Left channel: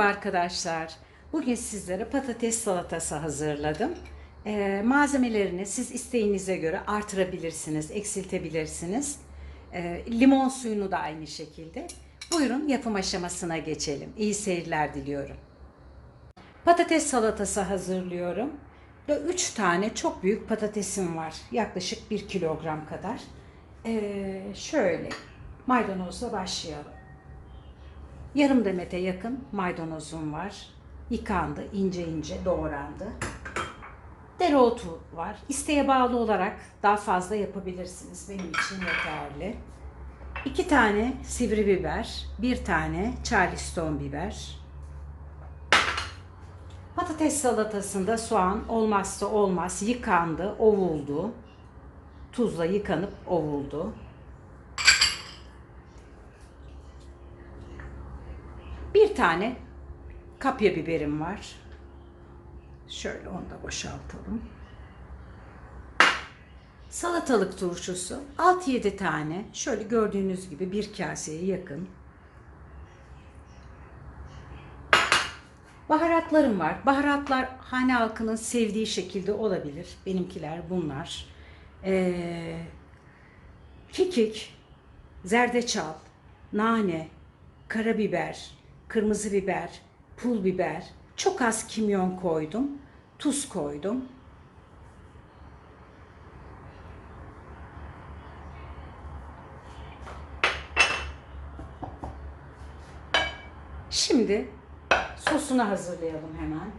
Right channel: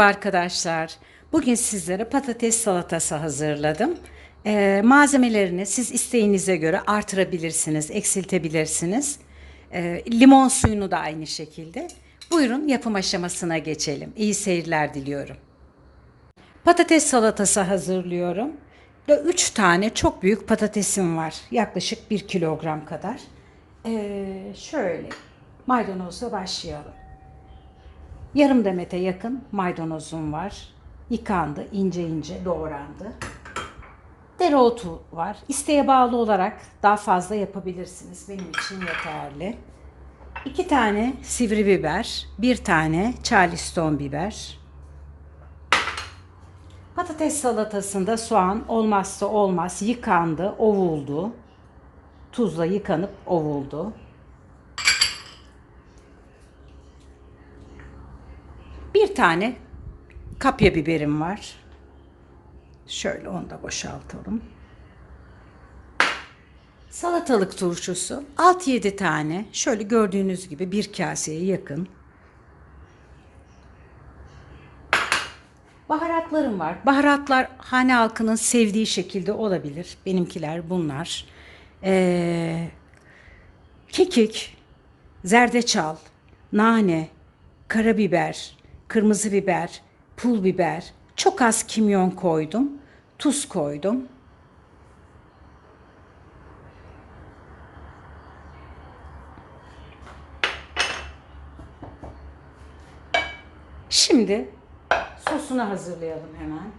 Arkadaşlar, bugün sizlere patates salatası hazırladım. Ee, malzemelerini siz isteğinize göre artırabilirsiniz, eksiltebilirsiniz. Ee, limon suyunu da aynı şekilde. Buyurun yapım aşamasına geçelim. İyi seyirler diliyorum. Patates salatası hazırlıyorum. Ve 3 tane çok büyük patatesim var. Yaklaşık 1 kilogram kadar. Ee, şöyle maydanozla başlayalım. Yarım demete yakın maydanozum var. Yıkandı, ince ince doğrandı. Dereotu var. İsteğe bağlı olarak daha fazla yapabilirsiniz. Benim için yeterli. İki tane sivri biber, bir tane charleston biber. Patates salatasında soğan olmazsa olmaz. Yıkandı, ovuldu. Tuzla yıkanıp ovuldu. Bir tane kapya biberim var. Şöyle onu da boşaltalım. Salatalık turşusu 6-7 tane. Şöyle gördüğünüz gibi bir kaseye yakın. Baharatlarım var. Baharatlar hane halkının sevdiği şekilde olabilir. Benimkiler bunlar. Ee, kekik, zerdeçal, nane, karabiber, kırmızı biber, pul biber, çok az kimyon koydum, tuz koydum. Şimdi sosunu hazırlayalım hemen.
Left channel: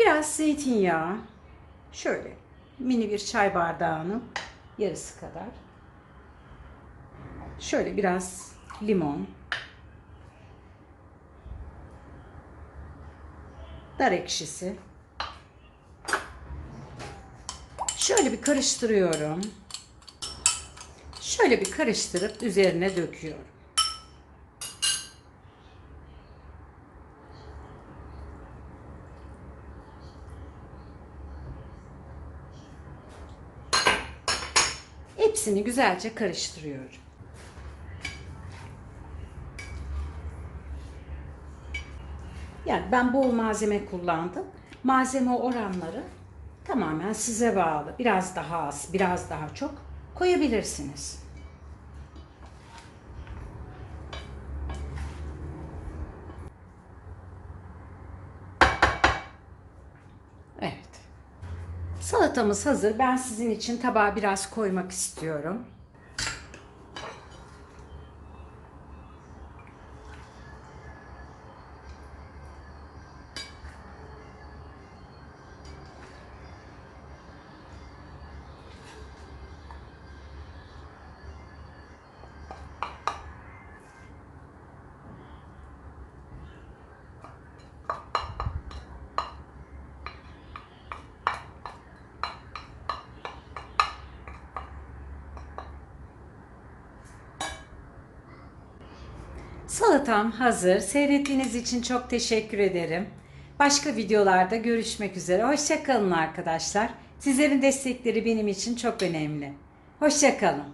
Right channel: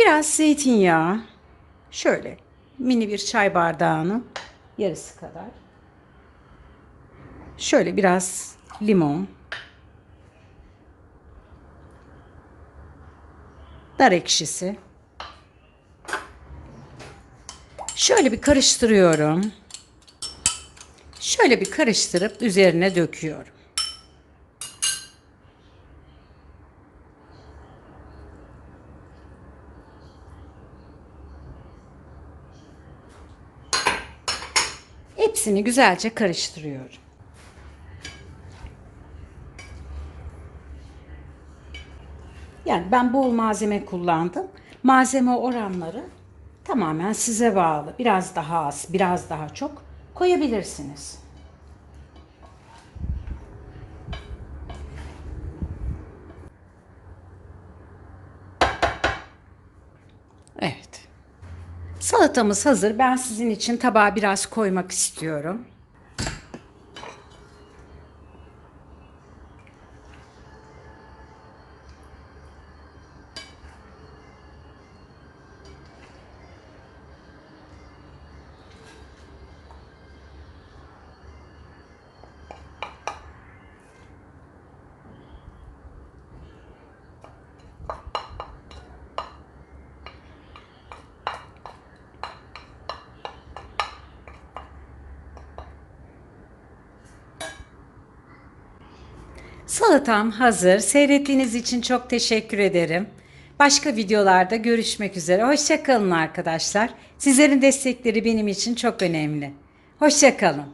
Biraz zeytinyağı, şöyle mini bir çay bardağının yarısı kadar. Şöyle biraz limon. Dar ekşisi. Şöyle bir karıştırıyorum. Şöyle bir karıştırıp üzerine döküyorum. Hepsini güzelce karıştırıyorum. Yani ben bol malzeme kullandım. Malzeme oranları tamamen size bağlı. Biraz daha az, biraz daha çok koyabilirsiniz. Evet. Salatamız hazır. Ben sizin için tabağa biraz koymak istiyorum. Salatam hazır. Seyrettiğiniz için çok teşekkür ederim. Başka videolarda görüşmek üzere. Hoşçakalın arkadaşlar. Sizlerin destekleri benim için çok önemli. Hoşçakalın.